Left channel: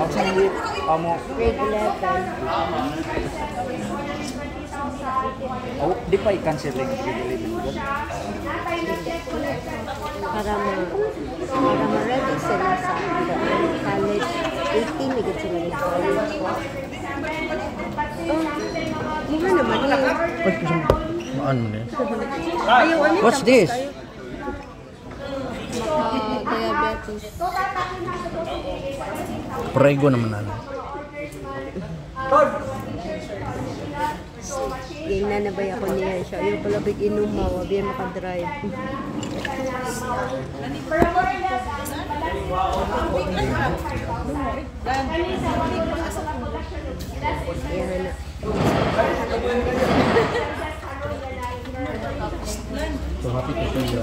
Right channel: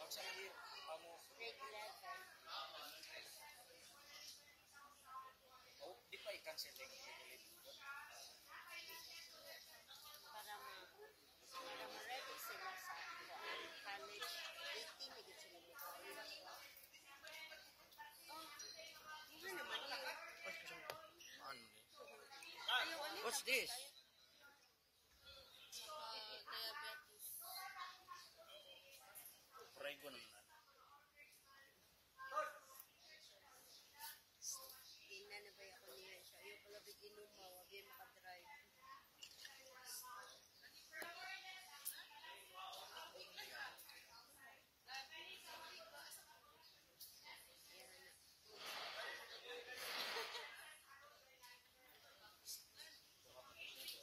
Ang sanggit, amo. Grade 11. Oh, di pa i-canceling grade 11. Para ma-ready sila sa college. 18 na sila ng college. Muna naman yun. Ano na? What's this? Diabetes. Prego naman ano. Ganyan na ba ako niya siya? Yung pala big inumaw, biya makadrive. Yan na. So happy to see you.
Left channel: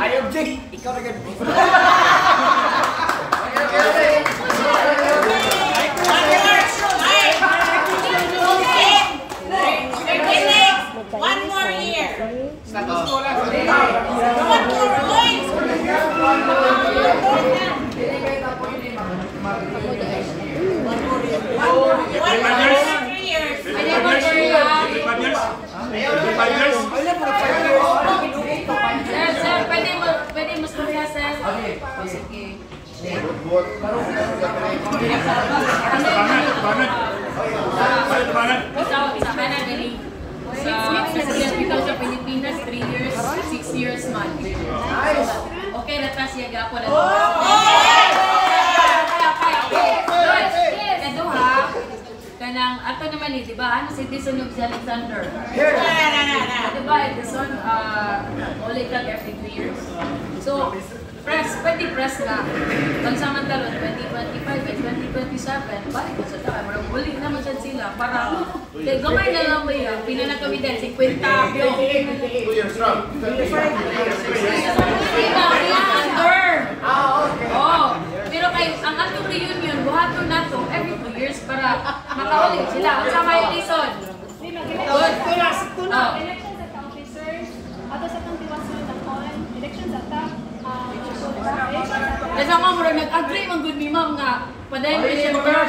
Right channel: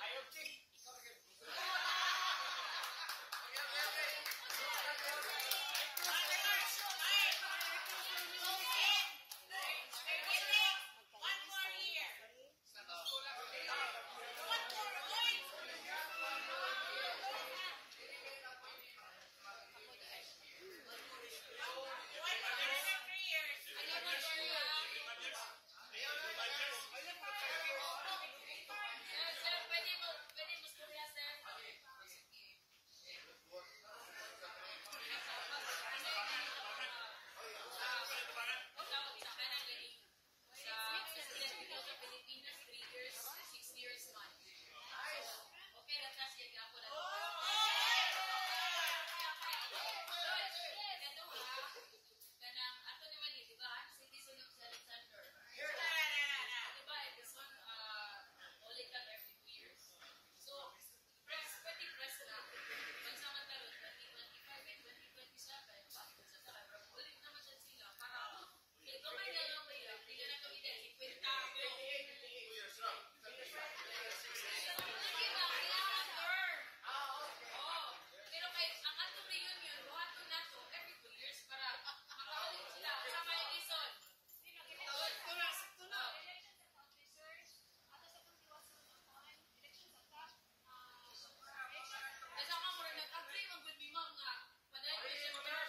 I object. Ikaw na ganun. One more year. Sa Canada, sa President because of Pilipinas, 3 years, 6 years man. Okay, natas siya gapo na. Kado ha, kanang ato naman di ba? Ano citizen of Alexander? Di ba? Edison, only tag every 2 years. So, pwede press na. Kung samantala, 2025 at 2027, balik ko sa tayo. Marang ulit naman siya sila para gamay na lang ba yun? Pinanakami din, 50 yung. 2 years from. 25 under. Oh. Pero kay ang atong reunion, buhaton na to every 2 years para makaulit sila. At sa may reason. Good. Elections at officers, ato sa itong tiwasan at on, elections at Kasi ako mura nag-agree mang good ni ma'am nga padayon ko siya term.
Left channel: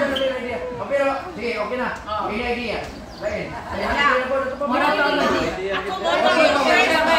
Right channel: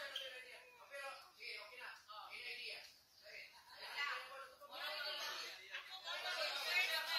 Pero, sige, okay na. May idea. Lain. Mura to ang idea. Ako mo to yung share na ba?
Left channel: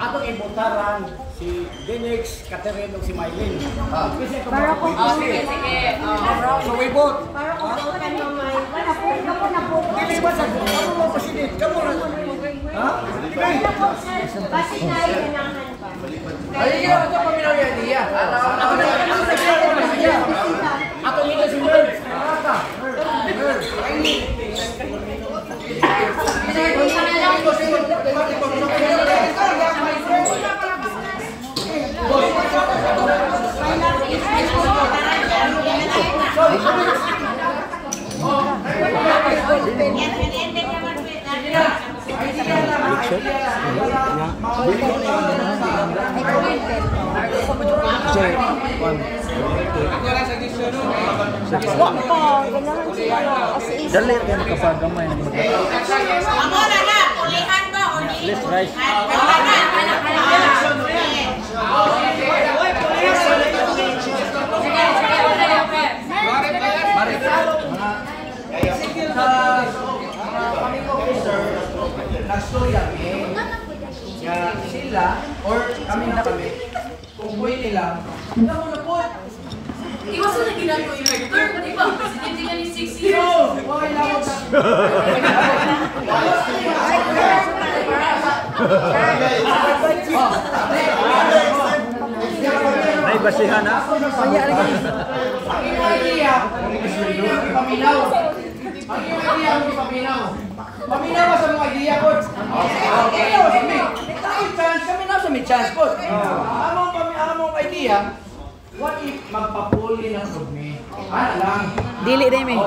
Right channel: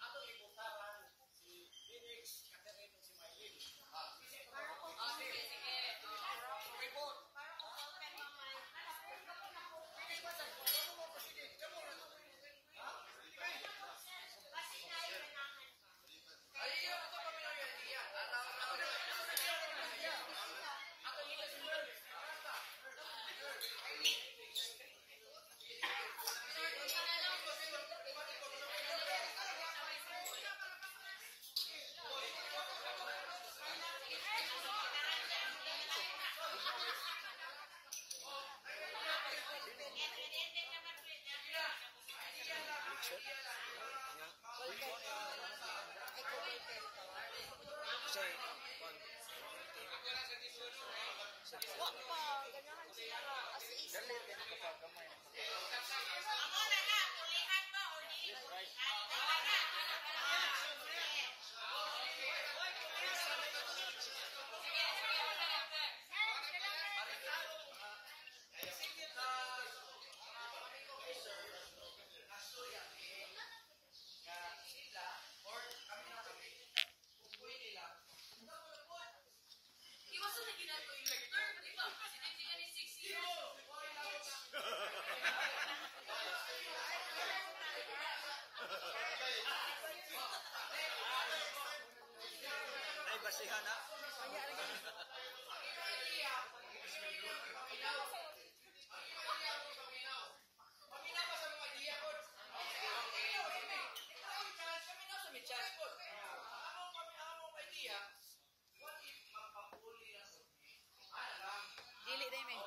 Atong ibutaran si Denix, Catherine, ug si Mylene. Para kung Sige, sige. So we vote. para kung kan mamay. Wala po na po. Dili ba sa ano mo president? Kamo na. Ha? Basi na ganahan pa. Ay, ito paminaw yan niya. Ato nito si Merv. Ata. Dali ka nakapagamay ng mga. Let's rice. Nastorya nga sila or kami na kami kung pwede lang na mo na po. Iwas na ginagawa yung rector, di ba? Presidente ka ni 6 years. Okay lang mo sa Nay basihan na. ang idea paminaw. Ang idea ang paminaw. Paminaw sa mga idea ko. Okay, kami na sa may chance ko. Among idea, what if magpapuli ng rugby? Ano lang? Dili rin eh.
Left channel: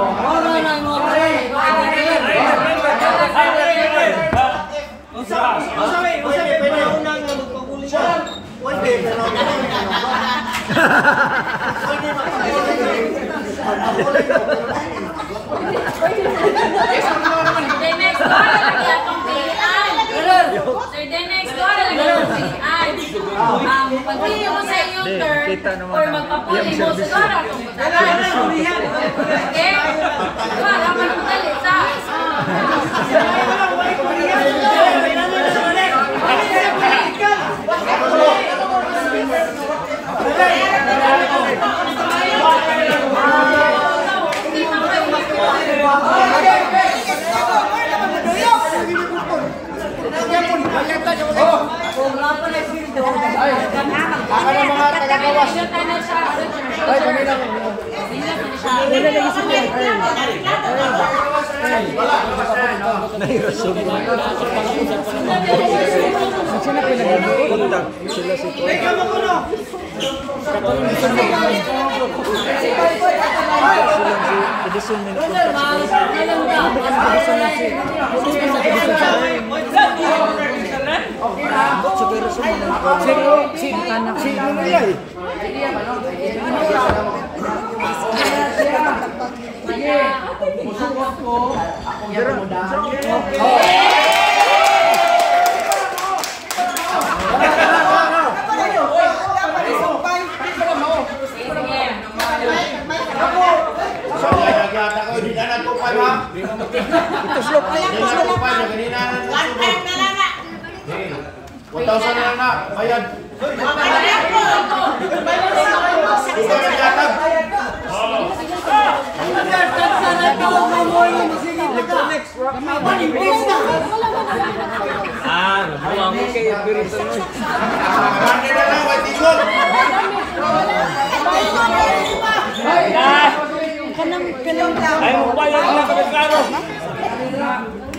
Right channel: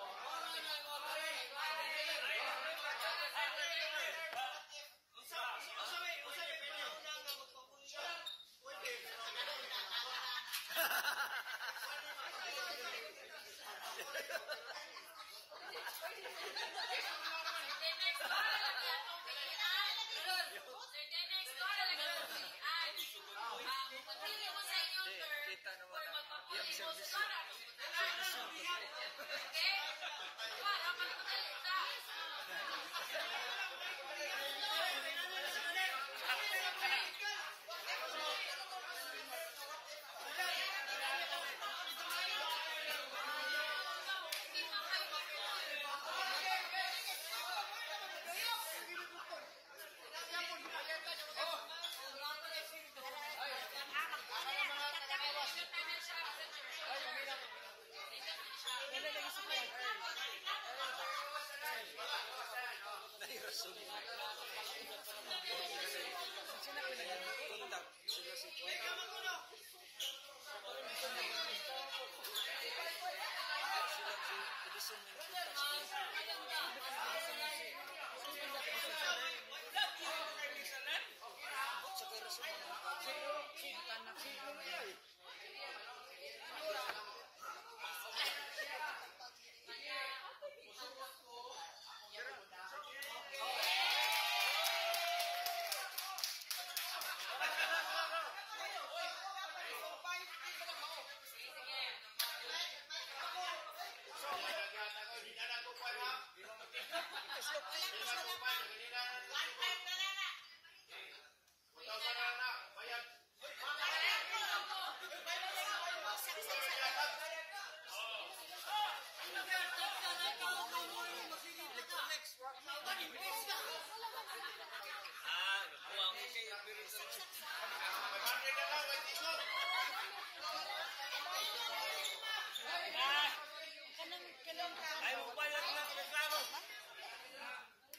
Pagpili mo sa iyong turn or magpapuli mo sa dora kung okay? Wala ka nang dalit sa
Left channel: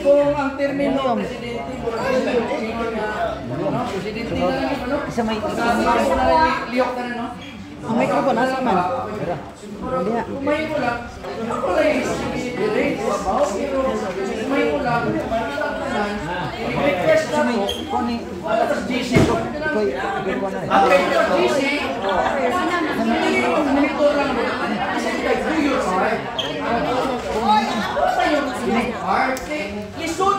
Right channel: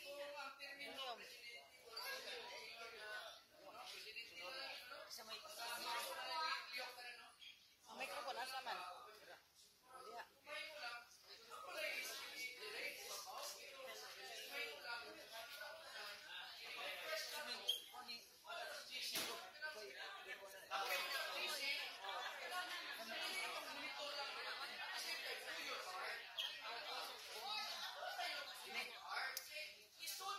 Kung ang termino Isa may liyok na no? Ang microphone asa man? Kumay mo lang. Ako lang yung kumay mo lang. Request na mo. Alas GC ko. Okay, GC. Monitor lang mo. Lisod.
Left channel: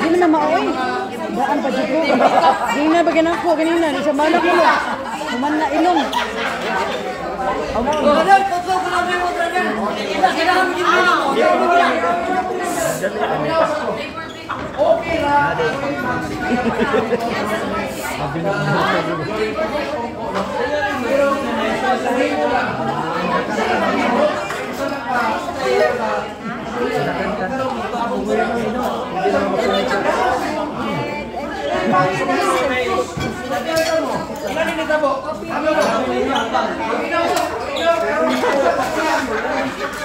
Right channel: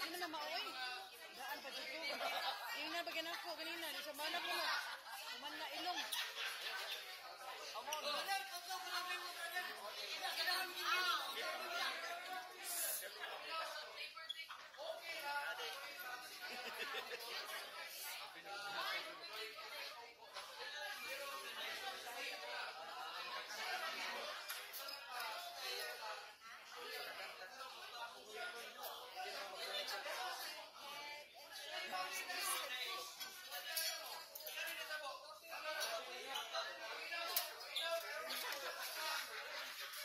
Di mo na maoy. Daan pa dito. Di na ba ganang ko kanina ni sa manak mo. Human na ilong. Okay ra. Pero sasahin mo lang.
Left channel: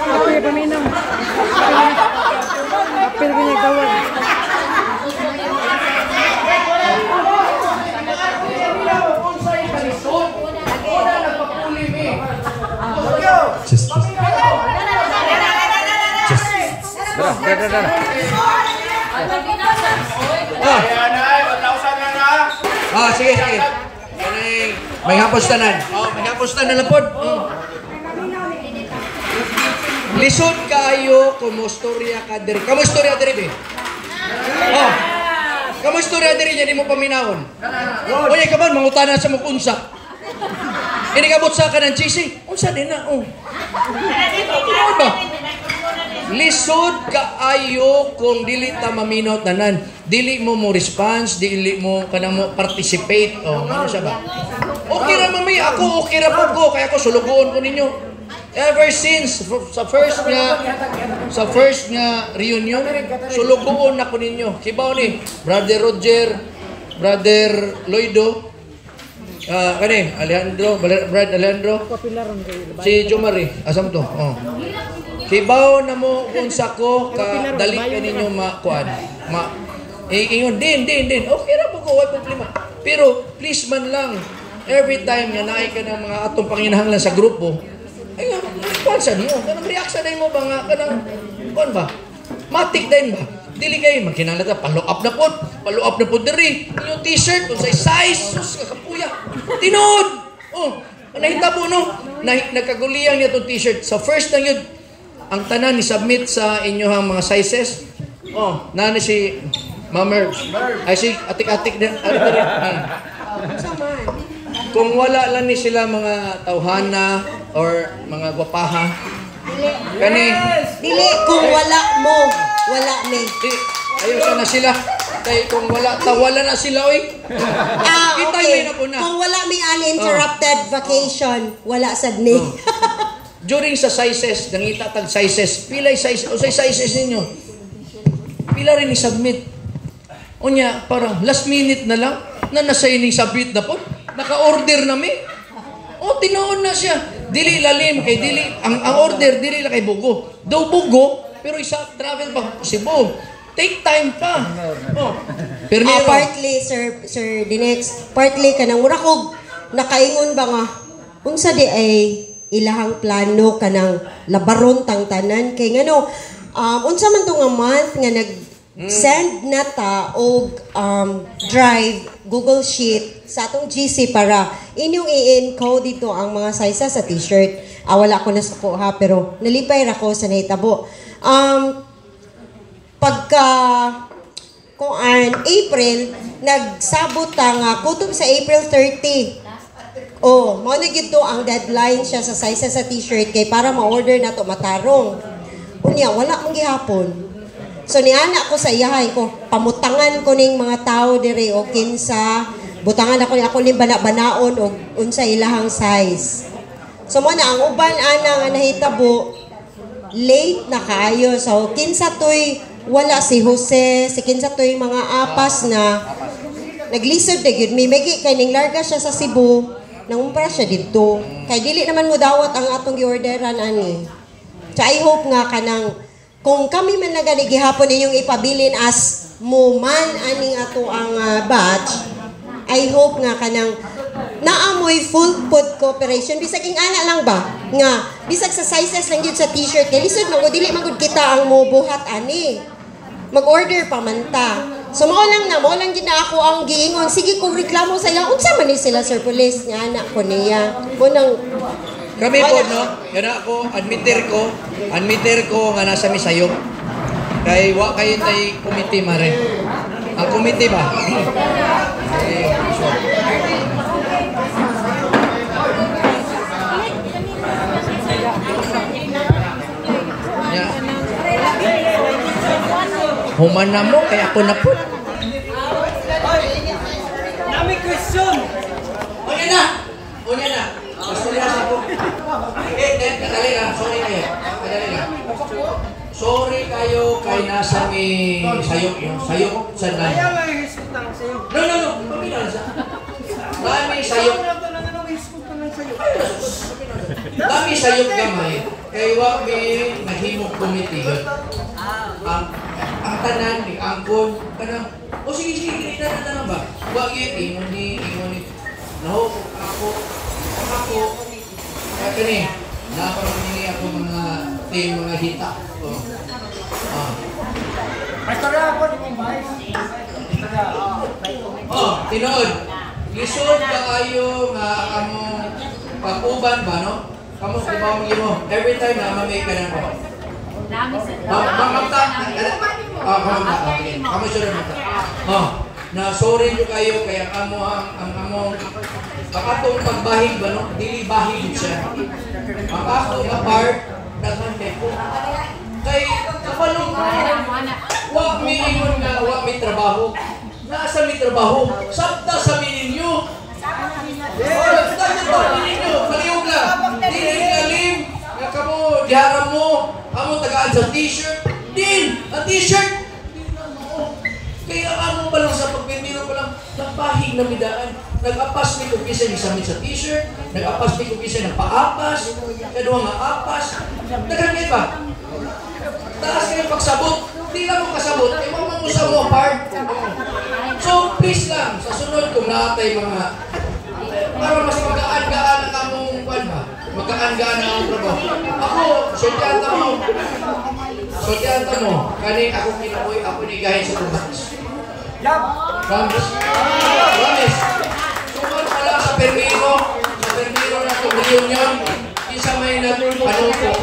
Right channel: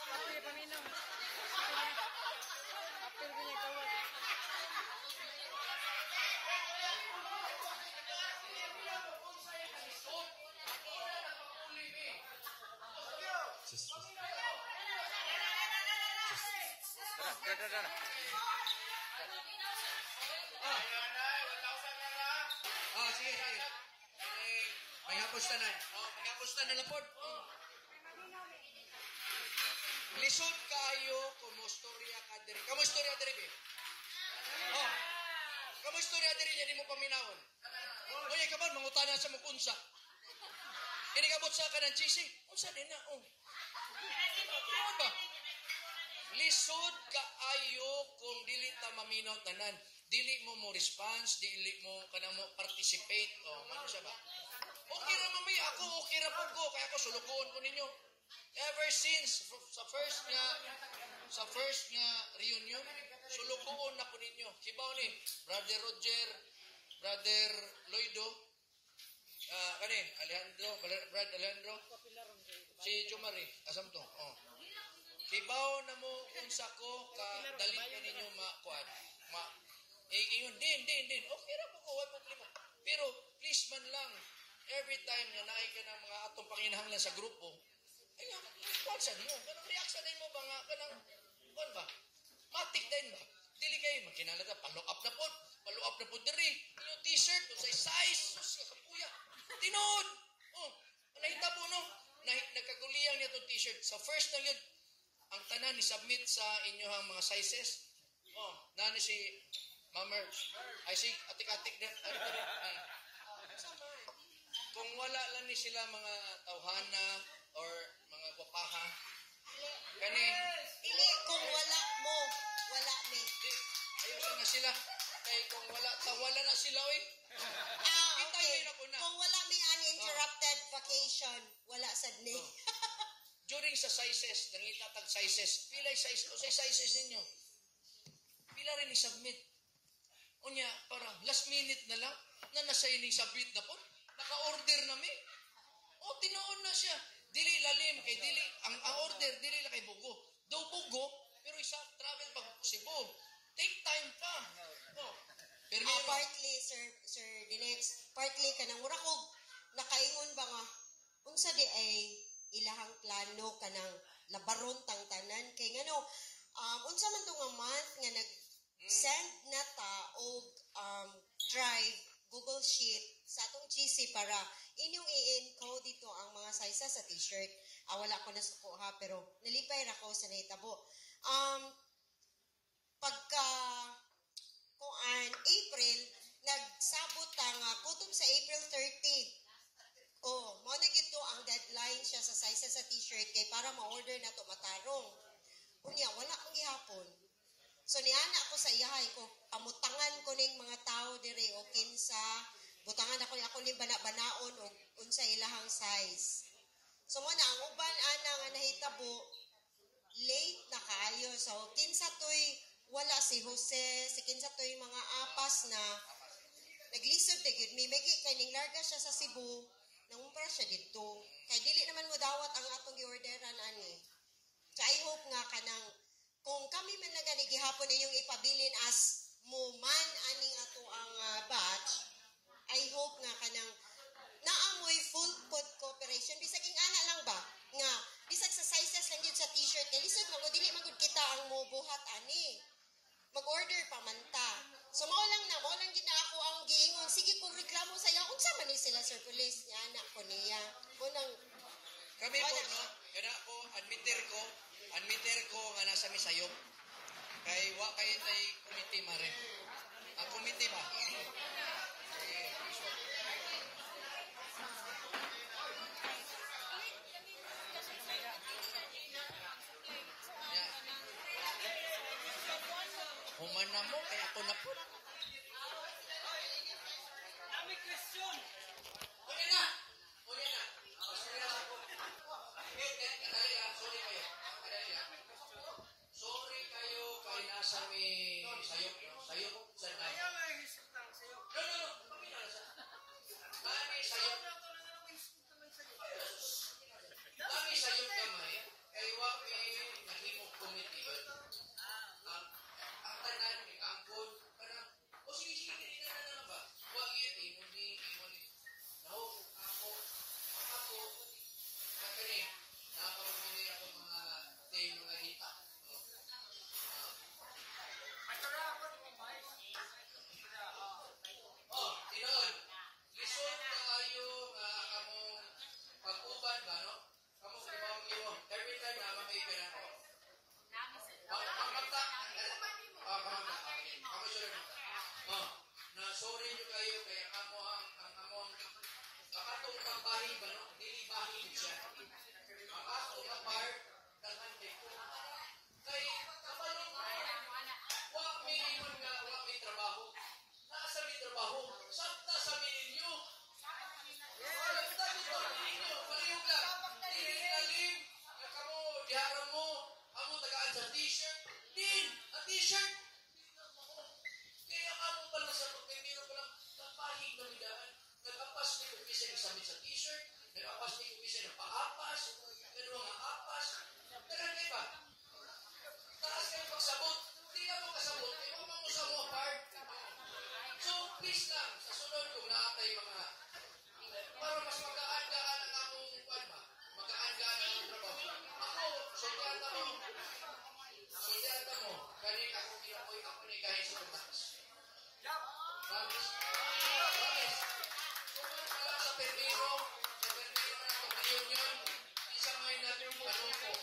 Apil paminaw. Apil ginagawa. Just. Sige. May hapos tanan. May hapos tanan lang po. Lisod kayo kumustorya ka diri. Kamustorya diri be. Kamustorya diri nya di mo paminawon. Oy ka man mangutana sa mong unsa. Ini kabot sa ka ng GC. Unsa din na ba? Lisod kaayo kung dili ta maminaw tanan. Dili mo response, dili mo kanang mo participate. Ano siya ba? Okay ra mamay ako, okay ra pud ko kaya ko sulugoon ko ninyo. Ever since sa first nga reunion, sulugoon na ko ninyo. Kibaw ni Brother Roger, Brother Loido, kani Brad Alejandro, si Jomari, asam to. Kibaw na mo kung sako ka dali ka ninyo makuan. Ingon din. Okay ra po ko, wala problema. Pero please man lang, every time nga naay ka ng mga atong panginahanglan sa grupo, ay responsa niyo. Kanang react sa mo ba nga kanang kuan ba? Matik din ba? Dili kay magkinahanglan ta follow up na po diri. Yung t-shirt unsay size, sus kapuya. Tinod. Nahitabo no. Nagkaguliyang niya tong t-shirt. Sa first lang yun, ang tanan ni submit sa inyohang mga sizes. Nani si Mamer. Ay si atik-atik din. Kung wala lang ni sila mga tawhana or mga gwapaha. Dili kung wala mo, wala ni. Ayaw sana sila. Kaya kung wala na sila, oy. Okay. Kung wala may uninterrupted vacation, wala sad ni. During sa sizes, nangita tag sizes, pilay size, o say sizes ninyo. Pila rin i-submit. O niya, parang last minute na lang, na nasa-ining submit na po. Naka-order na mi. Tinoon na siya. Dili lalim kay dili, ang order, dili lang kay Bugo. Daw Bugo, pero isa travel pa Cebu. Take time pa. Partly, Sir Dinex, partly ka nang murakog, nakaingon ba nga, unsa di ay ilahang plano kanang labaron tang tanan kay ngano unsa man tong month nga nag send na ta og drive Google Sheet sa atong GC para inyong i-encode dito ang mga sizes sa t-shirt. Wala ko na suko ha pero nalipay ra ko sa nahitabo. Pagka April nagsabot nga kutob sa April 30. Mao na gito ang deadline siya sa size sa t-shirt kay para ma-order na to matarong. Unya wala man gihapon. So niana ko sa iyahay ko, pamutangan ko ning mga tao dire o kinsa, butangan ako ning bana-banaon og unsa ilahang size. So mo na ang uban ana nga nahitabo late na kaayo. So kinsa toy wala si Jose, si kinsa toy mga apas na naglisod na gyud mi magi kay ning larga siya sa Cebu. Nangumpara siya dito. Kay dili naman mo dawat ang atong giorderan ani. So I hope nga kanang kung kami man na gani gihapon ninyong ipabilin as mo man aning ato ang batch, I hope nga kanang naamoy full food cooperation bisag ing ana lang ba nga bisag sa sizes lang gyud sa t-shirt kay lisod man dili man gud kita ang mobuhat ani. Mag-order pa man ta. So mo lang gid na ako ang giingon. Sige kung reklamo sa iya, unsa man ni sila Sir Police nga anak ko niya. Unang kami po no, kana ako admitter ko nga nasa misayop. Kay wa kayo tay committee mare. Ang committee ba? Human na mo, kaya ako na po. Nami question. Unya na! Unya na! Basta nila sa po. Kadali lang. Sorry kayo. Kadali lang. Sorry kayo kay nasa may sayok yun. Sayok sa nan. Kaya nga hisputang sa'yo. No. Paminal sa. Dami sayok. Dami sayok gamay. Kay wag may naghimok committee. Ang tanan ni angkon kanang o sige tanan ba? Wag yun ni no ako kani naparang ako mga team mga hita. Tinood. Lisod ka kayo nga among pag-uban ba no? Kamu sa mo every time na mamay ka na ko. Dami sa Kamu sudah minta. Na sorry nyo kayo kaya kamo ang among akatong pagbahig ba no? Dili bahig siya. Ang ako nga part nagmante ko. Kay kapalong wag may ingon nga wag may trabaho. Nasa may trabaho. Sabta sa ninyo. Sabta sa ninyo. Palihog lang. Dili galing nga kamo diharam mo. Amo tagaan sa t-shirt. Din! Ang t-shirt! Kaya amo pa lang sa pagpipiro pa lang, nagpahig na midaan. Nag-apas ni Kukisa ni Samit sa t-shirt, nag-apas ni Kukisa ng paapas, kadua nga apas. Nagkagay ba? Taas kayo pagsabot. Hindi lang mo kasabot. Iwan mo sa mo part. So please lang, sa sunod kung natay mga para mas magaan-gaan ang among kwan ba? Magaan-gaan ang among trabaho. Ako, Sotyanta mo, kani ako kinabuhi, ako nigahin sa tumakas. Promise. Sumon pala sa permiro na itong reunion, isa may nagpanong ko,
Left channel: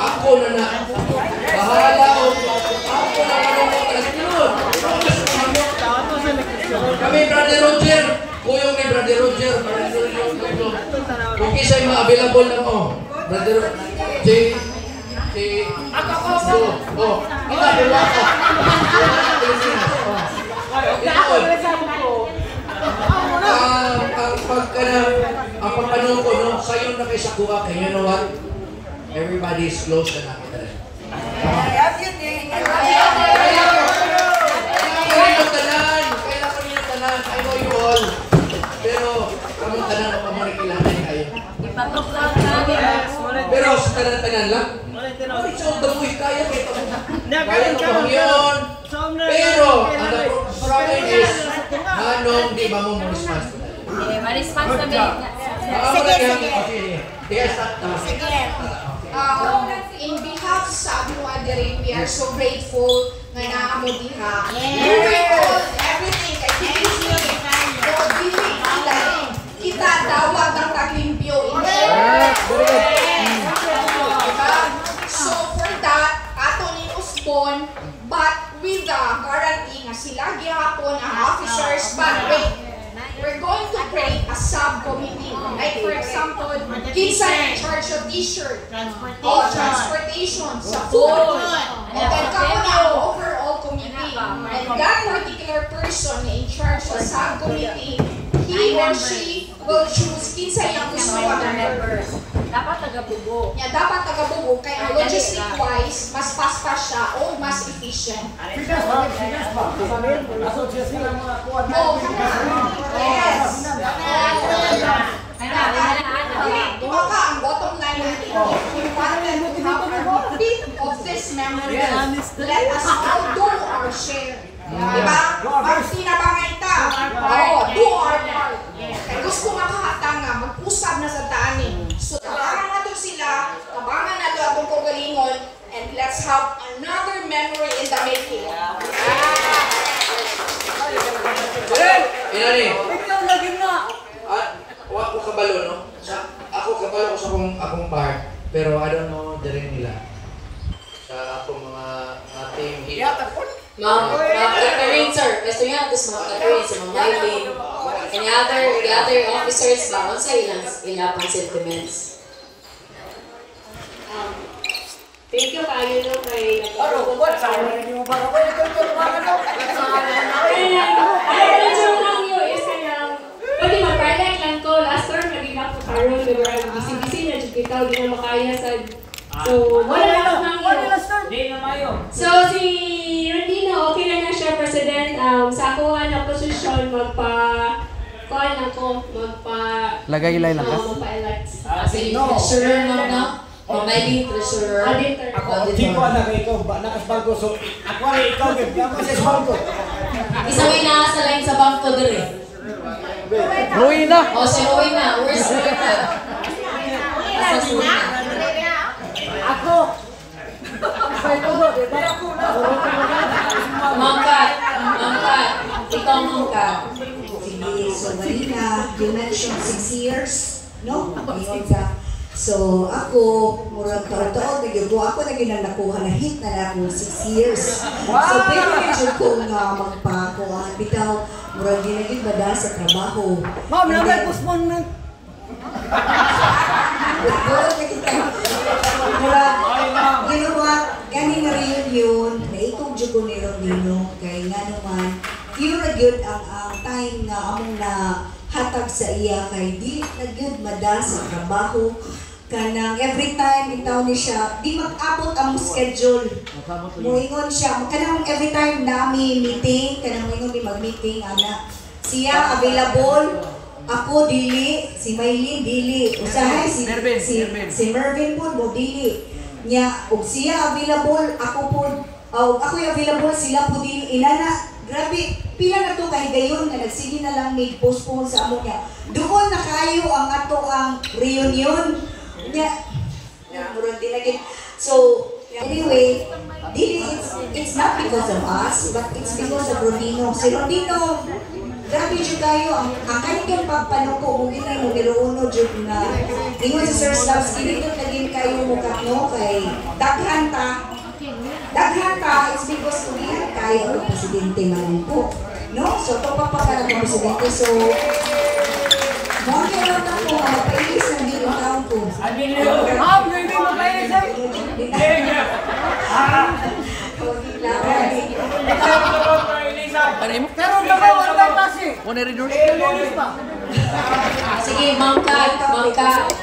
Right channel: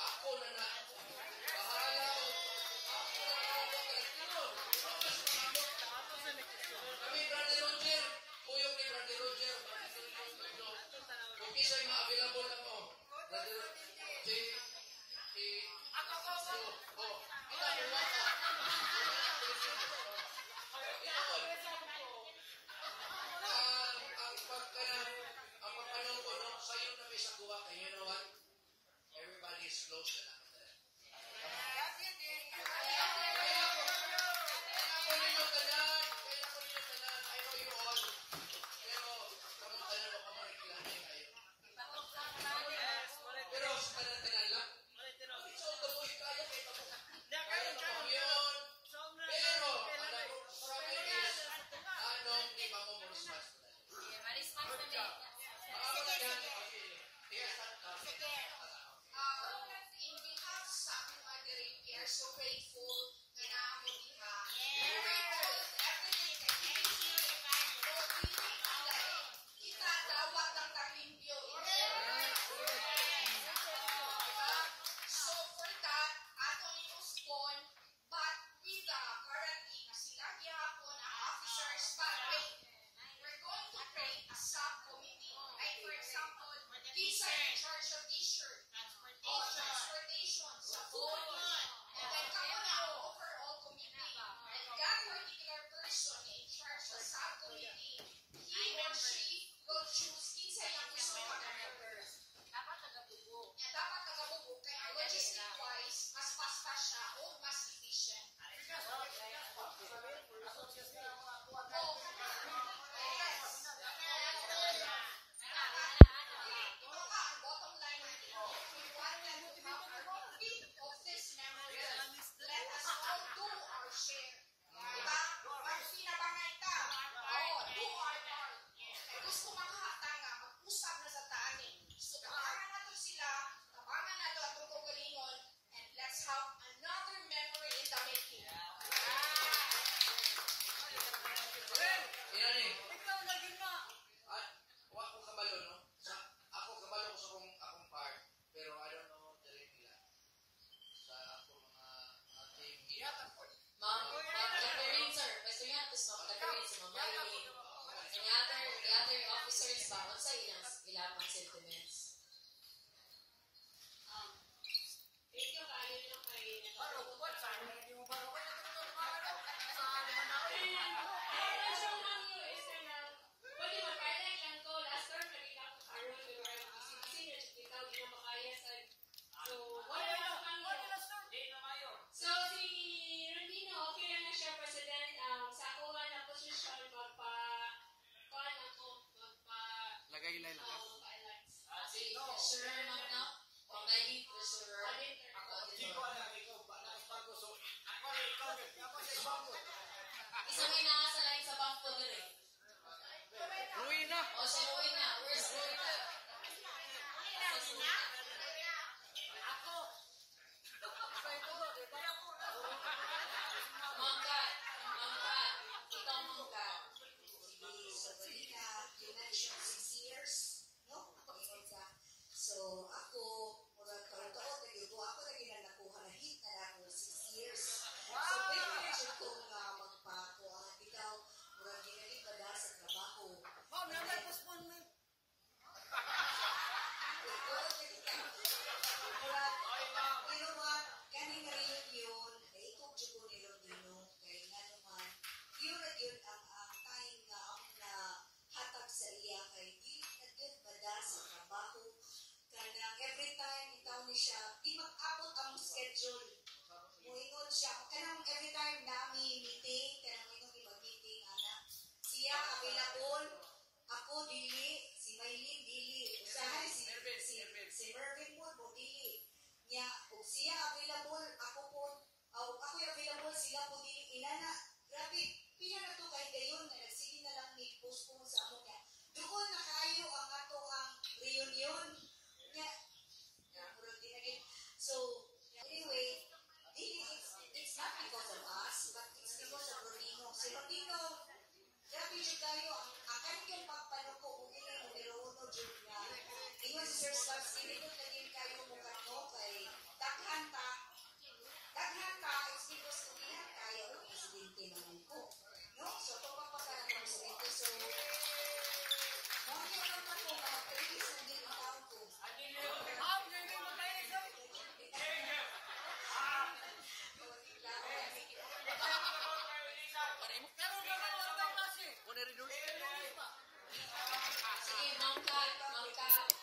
ako na bahala o, ako na manong ko talaga. Kami, Brother Roger, kuyong ni Brother Roger, kung kisa'y ma-available na mo, Brother J. Kita dulu ako. Ang pagkano ko, no? Sayo na kay Sakuha, kaya you know what? Everybody is close na nakita rin. Kailan ko niyo tanan. I know you all. Pero, kamong tanan ako mo nakilangan kayo. Pero sa tanan-tanan lang, so, damoy kaya kita mo. Kaya ko pang yun. Pero, ang problem is, anong di ba mo response ko na? Ma-response namin. Sige, start. In behalf sa Abuha Dere, we are so grateful nga naamo diha. We grateful everything kay Kiki. So, dili kita dawat ang taglimpyo. So, for that, ato ni Usbon, but with the guarantee nga sila gihapon ang officers, but wait, we're going to create a subcommittee. Like for example, kinsa in charge of t-shirt, transportation, sa food, and then kamo na overall committee. And that particular person in charge of subcommittee, he or she will choose kinsa yung gusto ng members. Dapat taga-bubo. Yeah, dapat taga-bubo. Kaya logistic-wise, mas fast siya o mas efficient. Yes. Diba ka, ang bottom line natin, if we wanted to have a bit of this memory, let us all do our share. Diba? Pag sinabangay ta, do our part. Kaya gusto makahata nga, mag-usap na sa taanin. So, tabangan na to sila, tabangan na to atong kagalingon, and let's have another memory in the making. Inani? Ako kabalo, no? Ako kabalo ko sa akong bar, pero I don't know the rin nila. Sa akong mga team hit. Mga Catherine, sir. Gusto niya, tapos mga Catherine, sa mga Mylene. And the other officers ba, kung sa ilang pang sentiments? Thank you kayo no kay pwede mag-highlight lang ko. Last term, naging ako karoon. Busy-busy na dyan kita. Hindi na makaya sa... So, wala lang ako nang iyo. So, si Rondino, okay na nga siya, President. Sa ako nga na posisyon, kuhaan ako, Lagay-ilay lang ka? magpa-elect. Sige, treasurer mo na? O may lead treasurer? Auditor. Hindi ko anak ikaw, nakasbalgo. So, ako rin ikaw, ako sa esbalgo. Isang ina sa line sa bangko dire. Ruina! O, si Rowena. Where's Rowena? Sa suna. Mangkat. Ikaw mangkat. Sige, so Marina, you mentioned 6 years, no? Ngayon ka. So ako, murag taon-taon, ako naging nakuha na hit na ako 6 years. So pero medyo kong magpakuha, bitaw, murag ginagin bada sa trabaho. Ma'am, nabay postpone na. Murag nakita. Murag, you know what, gani na reunion, naikong jugo ni Rondino, kay nga naman, yun na yun ang time nga among na hatag sa iya kay di na yun mada sa trabaho. Kanang every time bitaw ni siya, di mag-abot ang schedule. Muingon siya, kanang every time nami meeting, kanang muingon di mag-meeting, ana. Siya available, ako dili, si Maylin dili, usahay si Mervin po mo dili. Nya, ug siya available, ako po, ako available, sila po dili, inana. Grabe, pila na to kahigayon na nagsige na lang may postpone sa amo niya. Doon na kayo ang ato ang reunion niya. Murag din lagi. So, anyway, it's not because of us, but it's because of Rondino. Si Rondino, grabe dyan kayo. Ang kanyang pagpanuko, mungkin na yung numero 1 dyan na ingon si Sir Slavsky, dito naging kayo mukha no, kay daghan ta, it's because tumihan kayo ang presidente man po. No? So, ito pa pagkarang ng presidente. So, mga lang ako, mapailis ng dito taon ko. Ma'am, hindi mo pailis eh. Pero wala ba klase? Sige, Mangkat,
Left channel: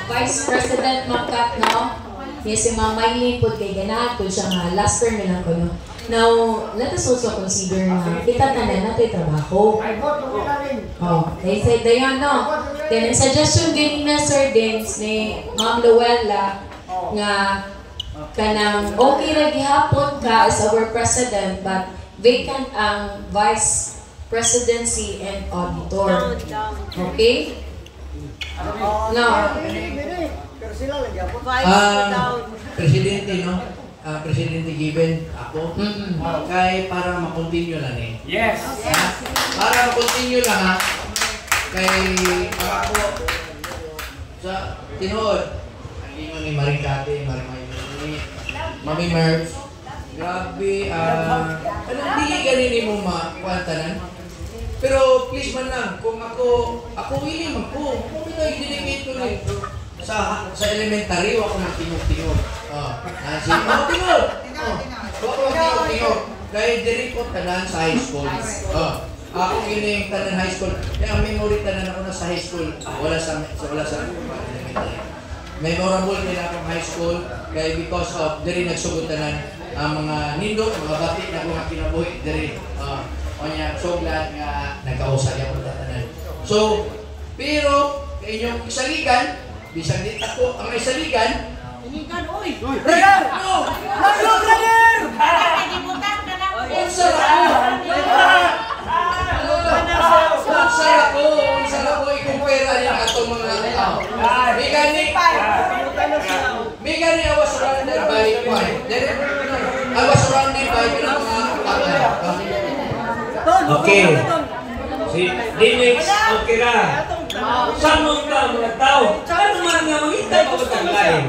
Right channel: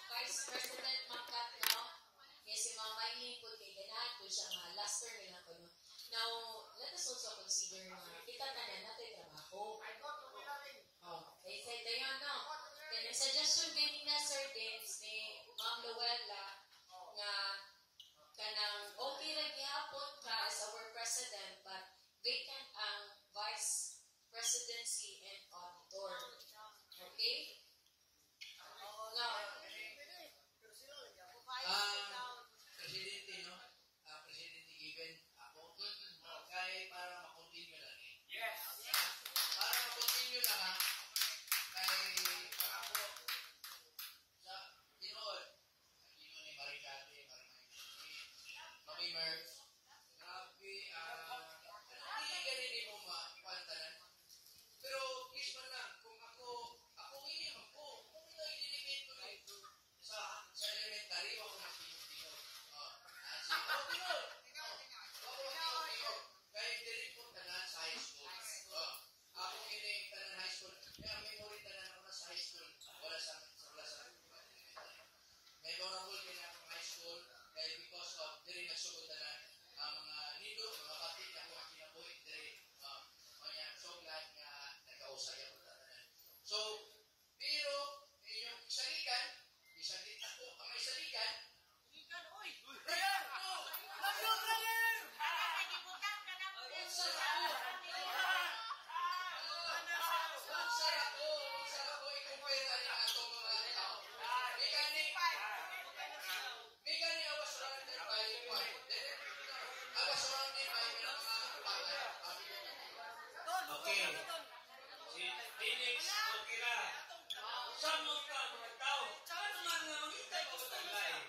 Vice President Mangkat, no? Yes, si Ma'am Maylin po kay ganahan ko siya nga last term na lang ko, no? Now, let us also consider na kita tanan natin trabaho. Oh, they said dayon, no? Then, ang suggestion din na Sir Dins ni Ma'am Luella nga kanang okay ra gihapon ka as our president but vacant ang vice presidency and auditor. Okay? No. Presidente, no? Presidente given ako. Kay para ma-continue lang eh. Yes. Para ma-continue lang ha. Kay ako sa tinuod. Ang ingon ni Maricate, Mami Merv. Grabe, anong di ganin mo makuantanan? Pero please man lang, kung ako willing man po. Kung ito ko rin. Sa elementary, ako magtingog-tingog. Tingog! Ako magtingog-tingog. Dahil diri ko tanan sa high school. Ako kining tanan high school. Kaya memory tanan ako na sa high school. Wala sa elementary. Memorable din akong high school. Kaya because of diri nagsugotanan ang mga nindot, mga batik na mga kinabuhi diri. O niya, so glad nga nagkausap ako tanan. So, pero inyong isaligan, bisang di ako ang may saligan. Inigan, oy! Brother! No! Mayo, brother! Unsara ko, ikumpera niya atong mga tao. Migani, I was surrounded by Okay. Si Dinix, okay ra. Samong ka mga tao. Ano man nga mangita pa ba lain?